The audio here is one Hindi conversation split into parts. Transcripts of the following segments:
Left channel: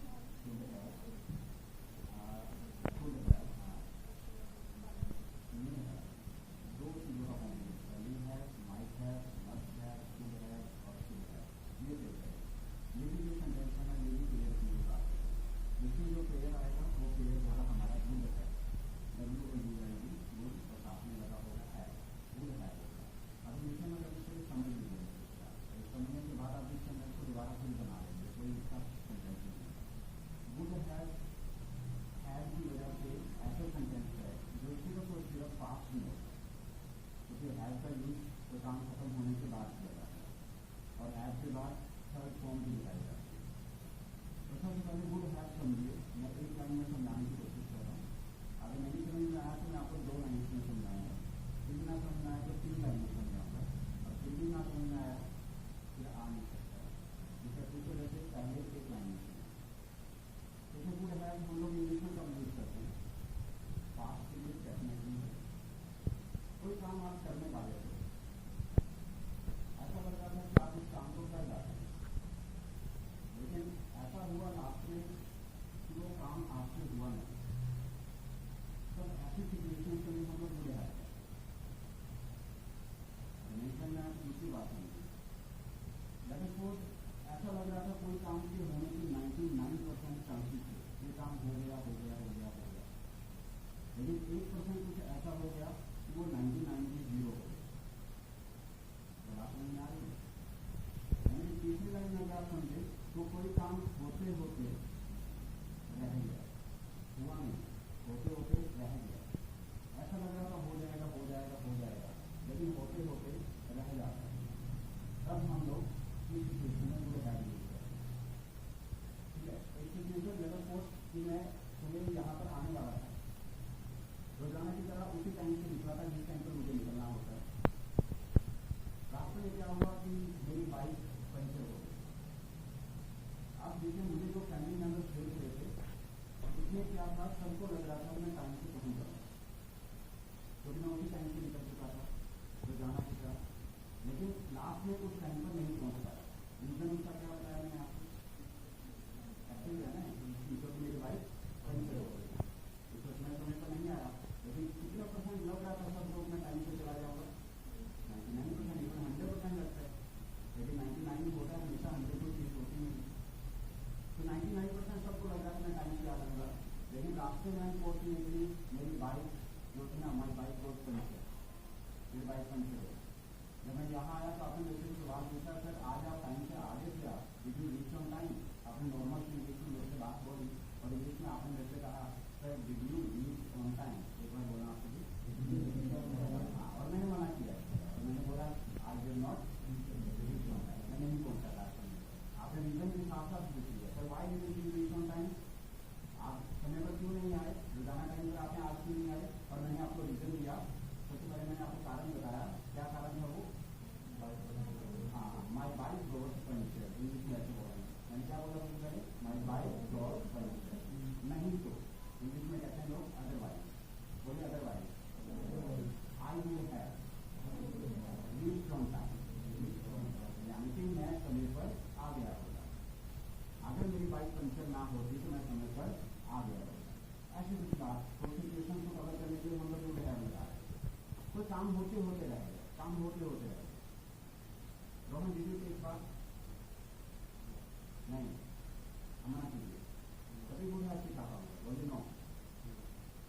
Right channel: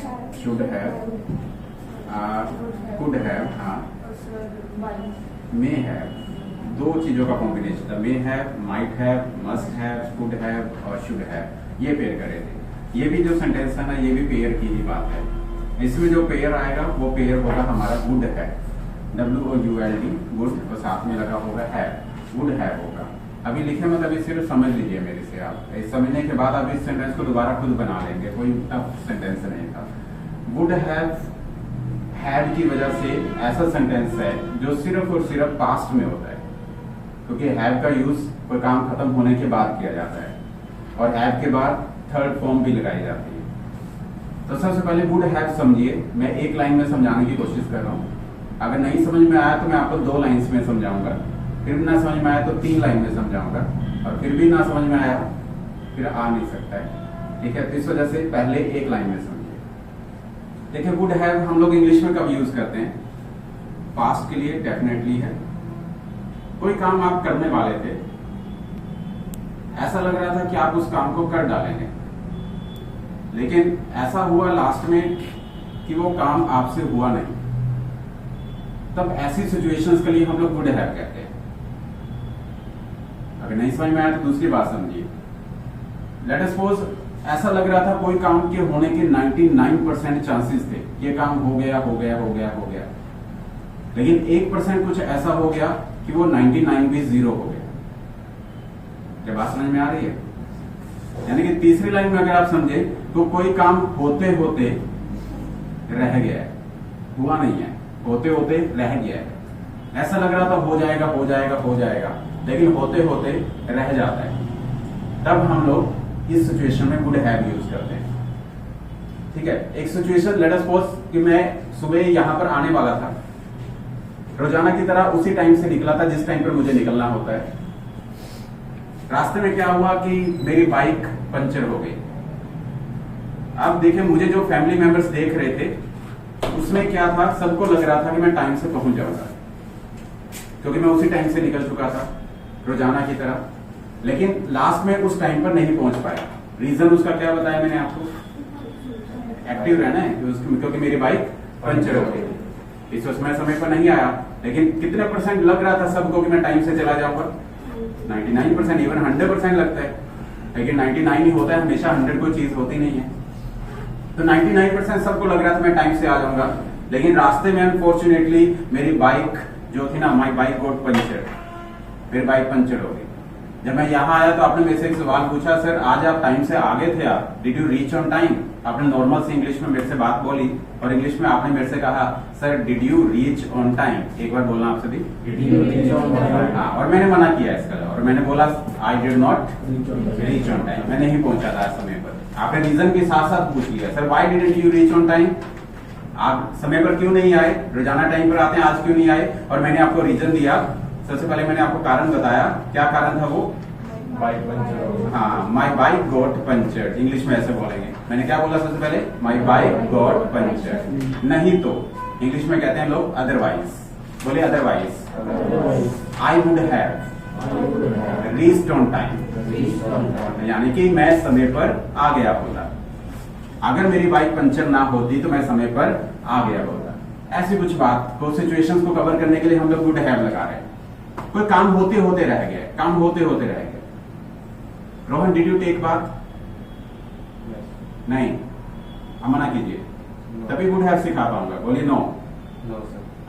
शुड हैव, कुड हैव, हाँ, मे हैव, दो चीजों का कॉम्बिनेशन था। May have, might have, must have, could have और शुड हैव, ये पेयर करे थे। ये भी जो सेंटेंस है ना, ये भी पेयर की ही बात है। इसमें जो पेयर आएगा वो पेयर होगा हमारा वुड है, WOULD, वुड, और साथ में लगा होगा हैव, वुड हैव होगा। अभी लिखे मत, अभी सिर्फ समझ लीजिए मेरे से आप। इस समझने के बाद आप इस सेंटेंस को दोबारा खुद बना लेंगे, कोई टफ सेंटेंस नहीं था। वुड हैव हैड की वजह से ऐसा सेंटेंस है जो सिर्फ और सिर्फ पास्ट में होता है, क्योंकि हैव का यूज कोई काम खत्म होने के बाद किया जाता है और हैव के बाद थर्ड फॉर्म भी लगाई जाती है। तो सबसे पहले वुड हैव समझिए, मैं एक लाइन में समझाने की कोशिश कर रहा हूँ। अगर नहीं समझ में आया तो मैं आपको 2 लाइन्स में समझाऊंगा, फिर भी ना समझ में आया तो 3 लाइन में समझाऊंगा, और फिर भी ना समझ में आया फिर आ नहीं सकता है, ठीक है। तो इस वजह से पहले एक लाइन में समझिए। देखिए, वुड हैव हम लोग इंग्लिश में कब यूज करते हैं? पास्ट के लिए डेफिनेटली है। कोई काम आप करने वाले थे, ऐसा लग रहा था कि आप उस काम को कर डालेंगे, लेकिन ऐसा हुआ लास्ट में कि वो काम आपसे हुआ नहीं, तब ऐसी सिचुएशंस के लिए हम लोग वुड हैव कहते हैं। अगर नहीं समझ में आया तो दूसरी बात समझिए। लेट अस सपोज ऐसा लग रहा था कोई काम के होने के 99% चांसेस थे, ये काम हो गया हो गया हो गया हो गया, लेकिन 1% कुछ ऐसा हो गया कि वो 99 भी 0 हो गया। क्या बात समझ में आ रही है? यानी कि तीसरी लाइन में अगर आप समझे तो कोई काम होते होते रह गया है, हुआ नहीं है, होते होते रह गया है। ऐसा लग रहा था हो जाएगा हो जाएगा हो जाएगा, लेकिन होते होते रह जाता है, तब हम लोग इस सिचुएशन में वुड हैव यूज करते हैं, ठीक है। एक सिचुएशन, लेट अस सपोज कि मैं सुबह यहां पर आने वाला था, रोजाना की तरह उसी टाइम से निकला था जिस टाइम पर मुझे निकलना होता है। रास्ते में क्या हुआ कि मेरी बाइक पंचर हो गई। अब देखिए, मुझे जो फैमिली मेंबर्स देख रहे थे उसमें क्या था, सबको लग रहा था कि मैं टाइम से पहुंच जाऊंगा, क्योंकि मैं उसी टाइम से निकल चुका था रोजाना की तरह, लेकिन लास्ट में उस टाइम पर नहीं पहुंच पाया। रीजन उसका क्या बताया मैंने आपको? एक्टिव रहना है, क्योंकि मेरी बाइक पंचर हो गई। इस समय पर नहीं आया, लेकिन कितने % लग रहा था सबको कि मैं टाइम से चला जाऊंगा? 99%, इवन 100% लगता है, लेकिन 99 ही होता है हमेशा, 100 कोई चीज होती नहीं है। तो 99% सबको लग रहा था मैं टाइम से आ जाऊंगा, लेकिन रास्ते में अनफॉर्चुनेटली मेरी बाइक जो थी ना, माई बाइक गॉट पंचर, मेरी बाइक पंचर हो गई। जब मैं यहाँ आया तो आपने मेरे से एक सवाल पूछा, सर आज आप टाइम से आगे थे, आप did you reach on time? आपने नॉर्मल से इंग्लिश में मेरे से बात बोली और इंग्लिश में आपने मेरे से कहा sir did you reach on time. एक बार बोलना आपसे भी, did you reach on time? हाँ, और मैंने मना किया इसका, और मैंने बोला आई did not reach on time, मैं नहीं पहुंचा था समय पर। आपने रीजन के साथ साथ पूछ लिया, sir why didn't you reach on time? आप समय पर क्यों नहीं आए? रोजाना टाइम पर आते हैं, आज क्यों नहीं आए? और मैंने आपको रीजन दिया। सबसे पहले मैंने आपको कारण बताया, क्या कारण था वो? Bike puncture. हाँ, my bike got puncture, English में ऐसे बोलेंगे। मैंने क्या बोला सबसे पहले? My bike got puncture. नहीं तो इंग्लिश में कहते हैं लोग अदरवाइज, बोले otherwise I would have reached on time, यानी कि मैं समय पर आ गया होता। अगर मेरी बाइक पंचर ना होती तो मैं समय पर आ गया होता। ऐसी कुछ बात को, सिचुएशंस को कवर करने के लिए हम लोग वुड हैव लगा रहे हैं। कोई काम होते होते रह गया, काम होते होते रह गया। Rohan did you take bath? नहीं, हम मना कीजिए, तभी वुड हैव सिखा पाऊंगा। बोलिए नो।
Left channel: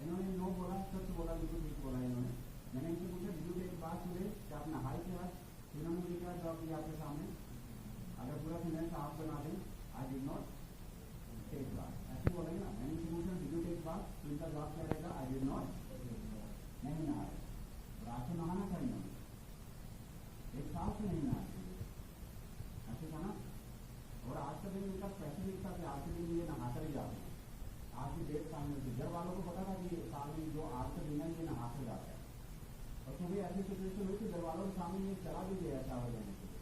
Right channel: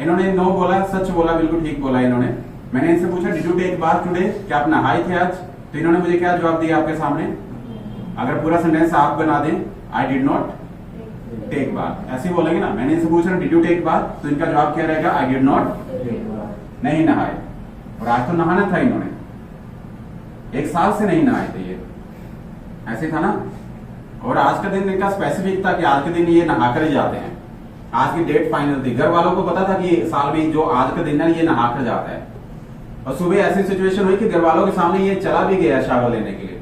इन्होंने नो बोला, सच बोला, बिल्कुल ठीक बोला इन्होंने। मैंने इनसे पूछा did you take bath today, क्या आप नहाए थे आज? तो इन्होंने मुझे क्या जवाब दिया आपके सामने? अगर पूरा सेंटेंस आप बना दें, I did not take bath, ऐसे बोलेंगे ना। मैंने इनसे पूछा डिड यू टेक बाथ, तो इनका जवाब क्या रहेगा? आई डिड नॉट, नहीं नहाए। और आज तो नहाना था इन्होंने, 1 साल से नहीं नहाए थे ये, ऐसे था ना। और आज का दिन इनका स्पेसिफिक था कि आज के दिन ये नहा कर ही जाते हैं। आज की डेट फाइनल थी, घर वालों को पता था कि साल में जो आज का दिन है ये नहा कर जाता है। और सुबह ऐसी सिचुएशन हुई कि घर वालों के सामने ये चला भी गया शावर लेने के लिए,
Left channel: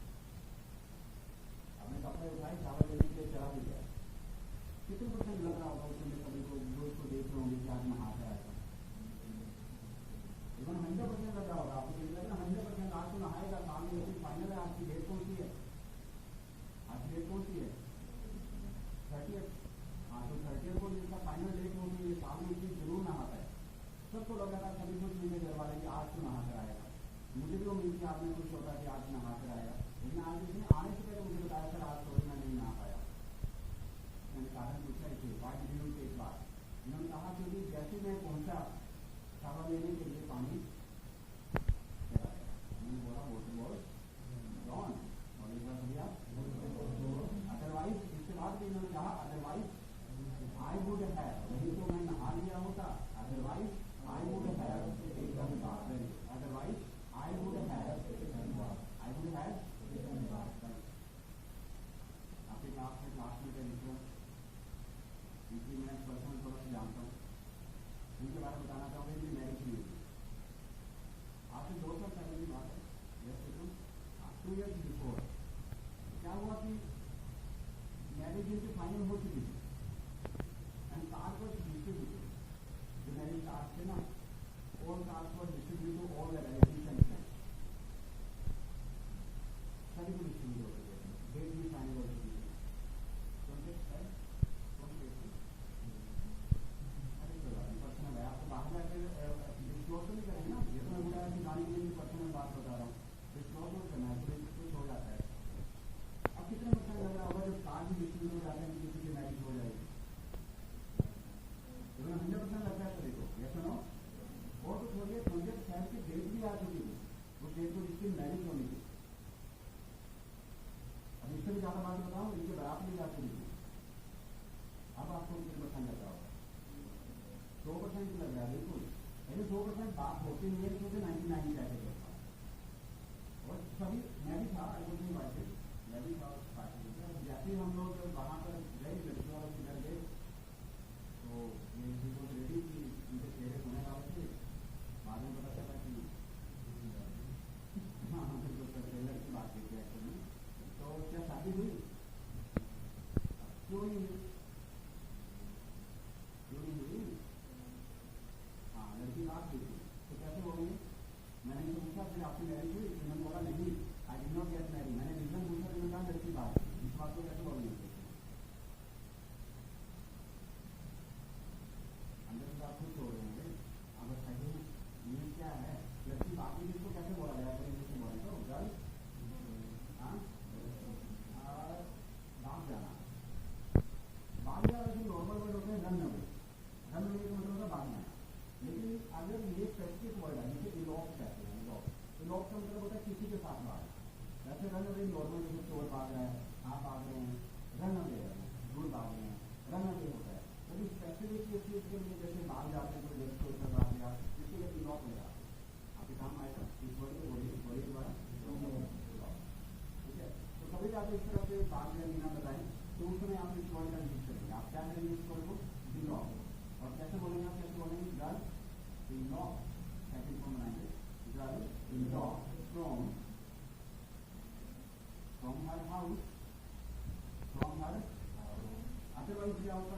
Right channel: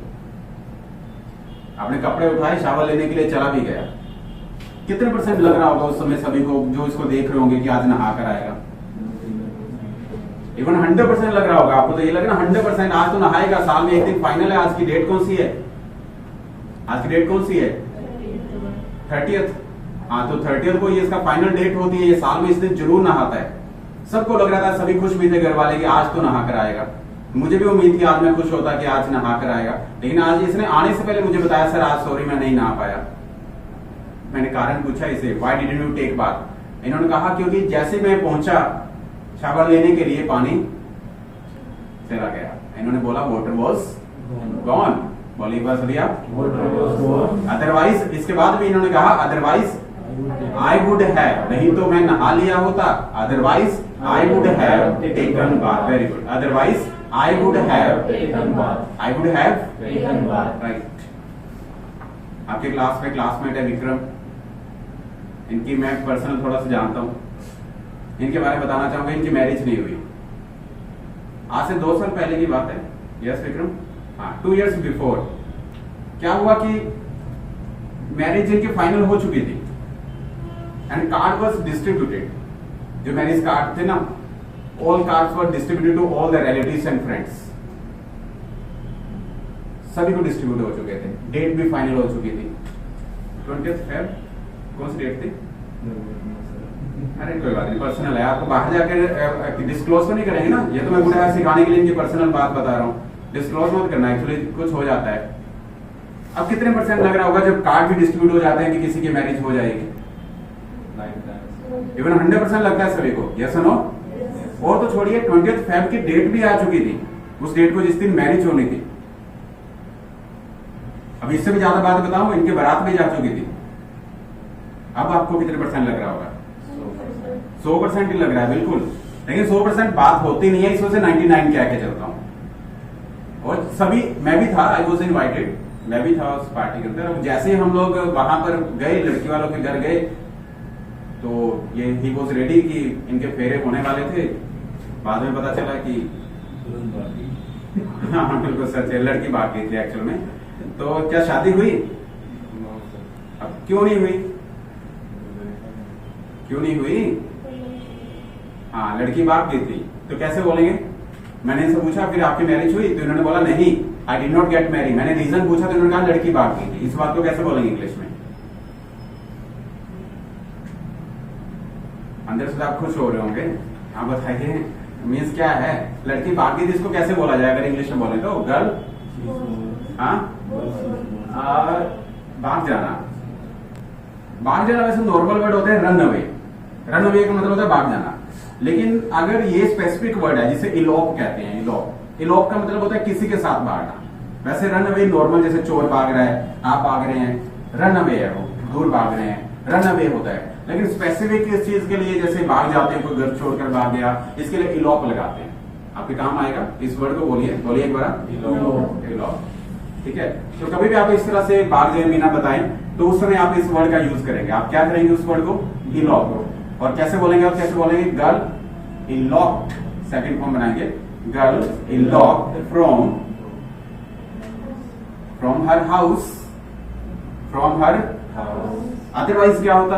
अपने कपड़े उठाए शावर लेने के लिए चला भी गया। कितने % लग रहा होगा उस समय सभी को जो इसको देख रहे होंगे कि आज नहा कर आएगा? इवन 100% लग रहा होगा। आपको तो ये लग रहा है 100% आज तो नहाएगा, साल में एक दिन फाइनल है। आज की डेट कौन सी है? आज की डेट कौन सी है? 30th। हाँ, तो 30th को ये इसका फाइनल डेट होती है, ये साल में इस दिन जरूर नहाता है। सबको लग रहा था, सभी खुश भी थे घर वाले कि आज तो नहा कर आएगा। मुझे भी उम्मीद थी आज मैं खुश होता कि आज नहा कर आएगा, लेकिन आज इसने आने से पहले मुझे बताया सर आज सॉरी मैं नहीं नहा पाया। मैंने कारण पूछा इसे, why didn't you take bath? इन्होंने कहा क्योंकि जैसे मैं पहुंचा शावर लेने के लिए पानी चला गया। इन्होंने बोला वाटर वाज गॉन। बोलिए बात भैया, अदरवाइज इसके बाद भी इन्होंने कहा अदरवाइज आई वुड हैव, नहीं तो मैं नहा लिया होता। Otherwise I would have taken bath. Very good. Otherwise I would have taken bath. I would have taken bath. Right. आपके क्लास में क्लासमेट है विक्रम, इनकी मैं पर्सनल थोड़ा सा जानता हूँ, इनके बारे में बताना चाहूंगा। इनकी मैरिज नहीं हुई, आज से 2 साल पहले की बात है। यस विक्रम, हाँ 2 years बिफोर क्या हुआ कि मैरिज इनकी फाइनल हो चुकी थी एंड कार्ड वाज डिस्ट्रीब्यूटेड। जो मैरिज कार्ड थे ना, all cards were distributed to all the relatives and friends. सभी को डिस्ट्रीब्यूट हो चुके थे, डेट भी फाइनल हो चुकी थी। 20th Feb कौन सी डेट थी? अरे कोई बात नहीं, पर्सनल है, आपको बाहर जाकर डिस्क्लोज तो नहीं करेंगे ना। ये तो मैं पूरा सिखाने के लिए इनकी पर्सनल बात बता रहा हूँ, डिस्क्लोज मत करना, एक्चुअली कुछ हो जाता है। अब कितने % लग रहा होगा जब कार्ड भी डिस्ट्रीब्यूट हो जाते हैं कि किसी की मैरिज हो जाएगी? इवन 100% लगता है सभी को। Yes no? और तो छोड़िए, 20th Feb की डेट भी आ चुकी थी, उस डेट को जिस दिन मैरिज होनी थी। अब इससे भी ज्यादा बात बताऊं, इनके बारात भी जा चुकी थी। अब आपको कितने % लग रहा होगा? 100% ही लग रहा है, बिल्कुल। लेकिन 100% बात होती नहीं है, इस वजह से 99 कह के चलता हूं। और सभी, मैं भी था, आई वॉज इनवाइटेड, मैं भी था उस पार्टी के अंदर। जैसे ही हम लोग वहां पर गए, लड़की वालों के घर गए, तो ये ही वॉज रेडी कि इनके फेरे होने वाले थे। बाद में पता चला कि हाँ बिल्कुल सच है, लड़की भाग गई थी एक्चुअल में। तो क्या शादी हुई? अब क्यों नहीं हुई? क्यों नहीं हुई? हाँ, लड़की भाग गई थी, तो कैसे बोलेंगे? मैंने इनसे पूछा फिर आपकी मैरिज हुई? तो इन्होंने बोला नहीं, आई डिड नॉट गेट मैरिड। मैंने रीजन पूछा तो इन्होंने कहा लड़की भाग गई थी। इस बात को कैसे बोलेंगे इंग्लिश में? अंदर से आप खुश हो रहे होंगे, हाँ बताइए मीन्स क्या है? लड़की भाग गई थी, इसको कैसे बोला जाए अगर इंग्लिश में बोले तो? गर्ल, हाँ भाग जाना। भाग जाना वैसे नॉर्मल वर्ड होता है रन अवे। रन अवे का मतलब होता है भाग जाना। लेकिन अगर ये स्पेसिफिक वर्ड है जिसे इलोप कहते हैं, इलोप, इलोप का मतलब होता है किसी के साथ भागना। वैसे रन अवे नॉर्मल, जैसे चोर भाग रहा है, आप भाग रहे हैं, रन अवे है, वो दूर भाग रहे हैं, रन अवे होता है। लेकिन स्पेसिफिक इस चीज के लिए, जैसे भाग जाते हैं, कोई घर छोड़कर भाग गया, इसके लिए इलोप लगाते हैं। आपके काम आएगा। इस वर्ड को बोलिए, बोलिए एक बार, इलोप। ठीक है, तो कभी भी आप इस तरह से भाग जाए बिना बताएं तो उस समय आप इस वर्ड का यूज करेंगे। आप क्या करेंगे उस वर्ड को? इलॉप। और कैसे बोलेंगे? और कैसे बोलेंगे? गर्ल इलॉप्ड, सेकंड फॉर्म बनाएंगे, girl eloped from her house, from her house. Otherwise क्या होता?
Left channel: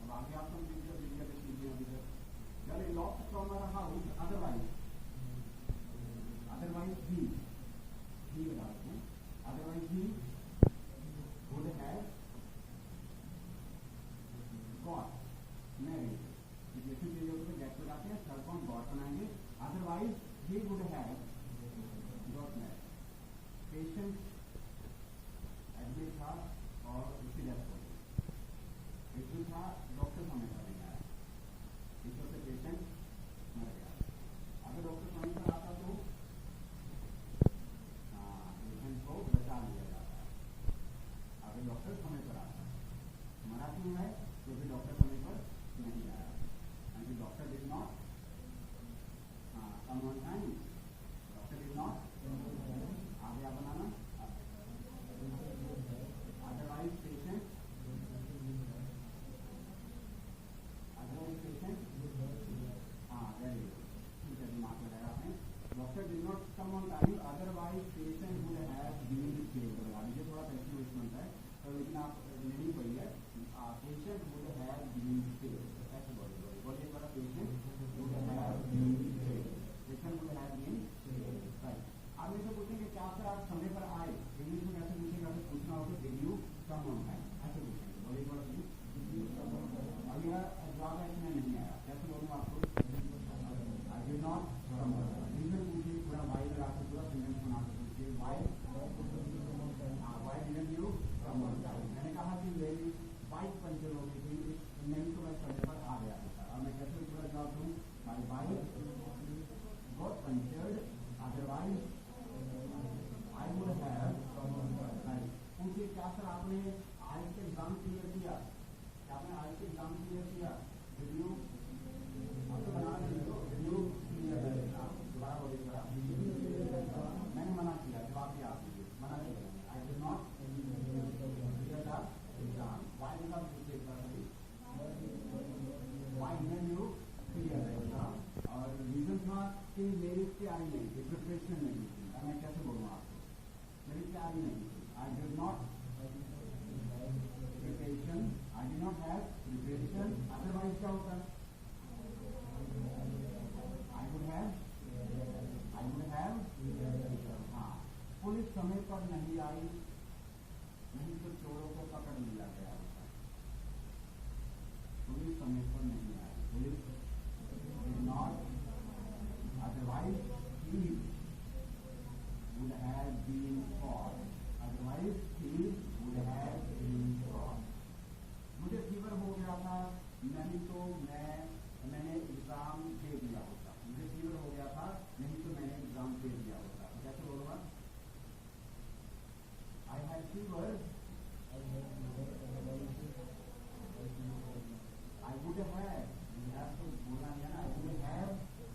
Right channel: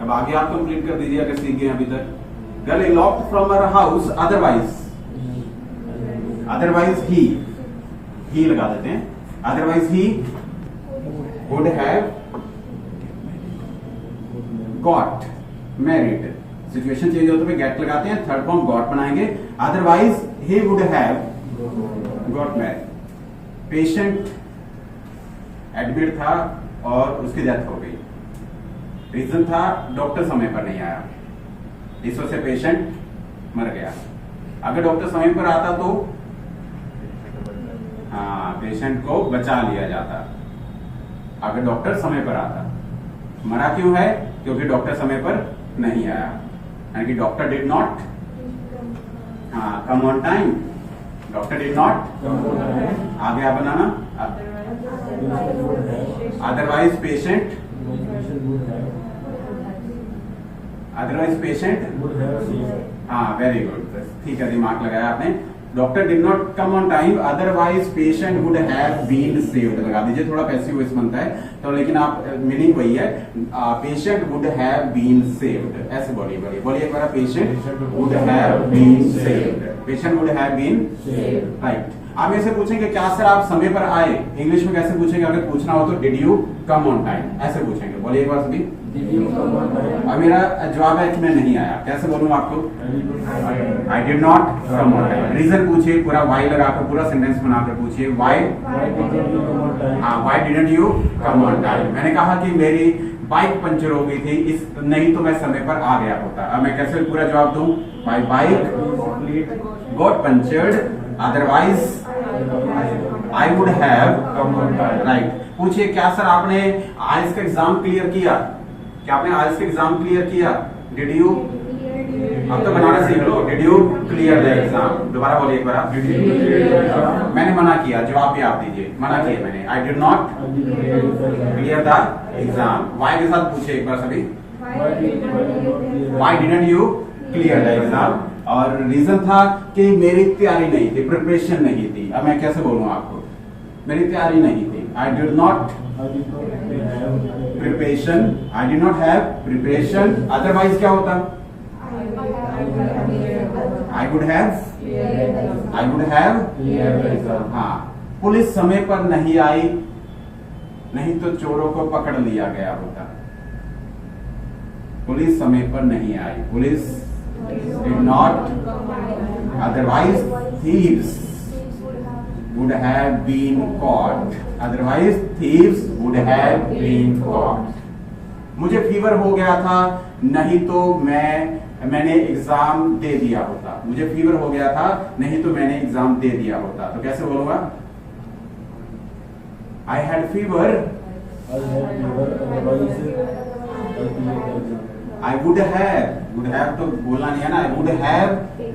अब आगे आप कंप्लीट कर दीजिए अगर सीख गए अभी तक। Girl eloped from her house, otherwise, otherwise ही लगा देते हैं, अदरवाइज ही would have got married। Situation change होते हुए गेट लगाते हैं, थर्ड फॉर्म गॉट बनाएंगे, otherwise he would have got married। पेशेंट एडमिट था और उसकी डेथ हो गई। रीजन था डॉक्टर समय पर नहीं आया, इस वजह से पेशेंट मर गया। अगर डॉक्टर समय पर आता तो हाँ, पेशेंट को बचा लिया जाता। अगर डॉक्टर समय पर आता। मरा क्यों है? क्योंकि डॉक्टर समय पर नहीं आया, यानी कि doctor did not come on time. Doctor did not, आगे आप बनाना, अदरवाइज पेशेंट, अदरवाइज पेशेंट, हाँ वेरी गुड, ठीक है, दिमाग लगाया आपने। Doctor did not come on time, otherwise patient would have been saved. लगा दीजिए, थोड़ा पैसिव वॉइस बनता है तो, लेकिन आप मीनिंग वही है, patient would have been saved. ऐसे बोलिए, बोलिए एक बार, patient would have been saved, patient would have been saved. Right. आप ऐसे पूछेंगे क्या सर आप समय पर आए, इंग्लिश में कैसे पूछेंगे? अगर पूछना हो तो did you come on time, ऐसे पूछेंगे। बोलिए एक बार सभी। और मेरा जवाब है कि मैं नहीं आया, कैसे बोलूं आपको? I did not come on time. Reason पूछिए, पूरा वाई लगाकर पूरा सेंटेंस बनाकर पूछिए, why didn't you come on time. मैंने कहा कि मेरी बाइक पंचर हो गई थी, इस नहीं तो मैं समय पर आ गया होता। अब मैं कैसे पूरा जवाब दूं? My bike got punctured, otherwise I would have come on time. Right. पूछिए क्या सर आपने आइल्स का एग्जाम क्लियर किया? क्या आपने आइल्स का एग्जाम क्लियर किया? डिड यू, अब तो बनाना सीख लो, did you clear the exam. दोबारा बोलिए एक बार आप। मैंने मना किया, जवाब भी आप दीजिए। मना किया मैंने, I did not clear the exam. Why के साथ पूछिए एक बार सभी, why didn't you clear the exam. और रीजन था कि मेरी तैयारी नहीं थी, प्रिपरेशन नहीं थी। अब मैं कैसे बोलूं आपको? मेरी तैयारी नहीं थी, आई did not preparation, I did not have preparation. Otherwise क्या होता? आई वुड हैव। हाँ, पुलिस समय पर नहीं आई, नहीं तो चोरों को पकड़ लिया गया होता। पुलिस समय पर नहीं आई, police did not, otherwise thieves would have been caught, otherwise thieves would have been caught। मुझे फीवर हो गया था, नहीं तो मैंने एग्जाम दे दिया होता। मुझे फीवर हो गया था, नहीं तो मैंने एग्जाम दे दिया होता। तो कैसे बोलूंगा? I had fever, I would have तो बोलना नहीं है ना, I would have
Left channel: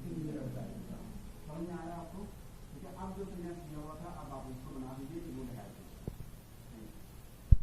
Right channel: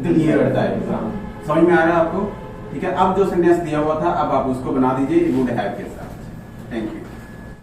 cleared the exam। समझ में आ रहा है आपको? ठीक है, अब जो सेंटेंस दिया हुआ था अब आप उसको बना दीजिए would have के साथ। Thank you.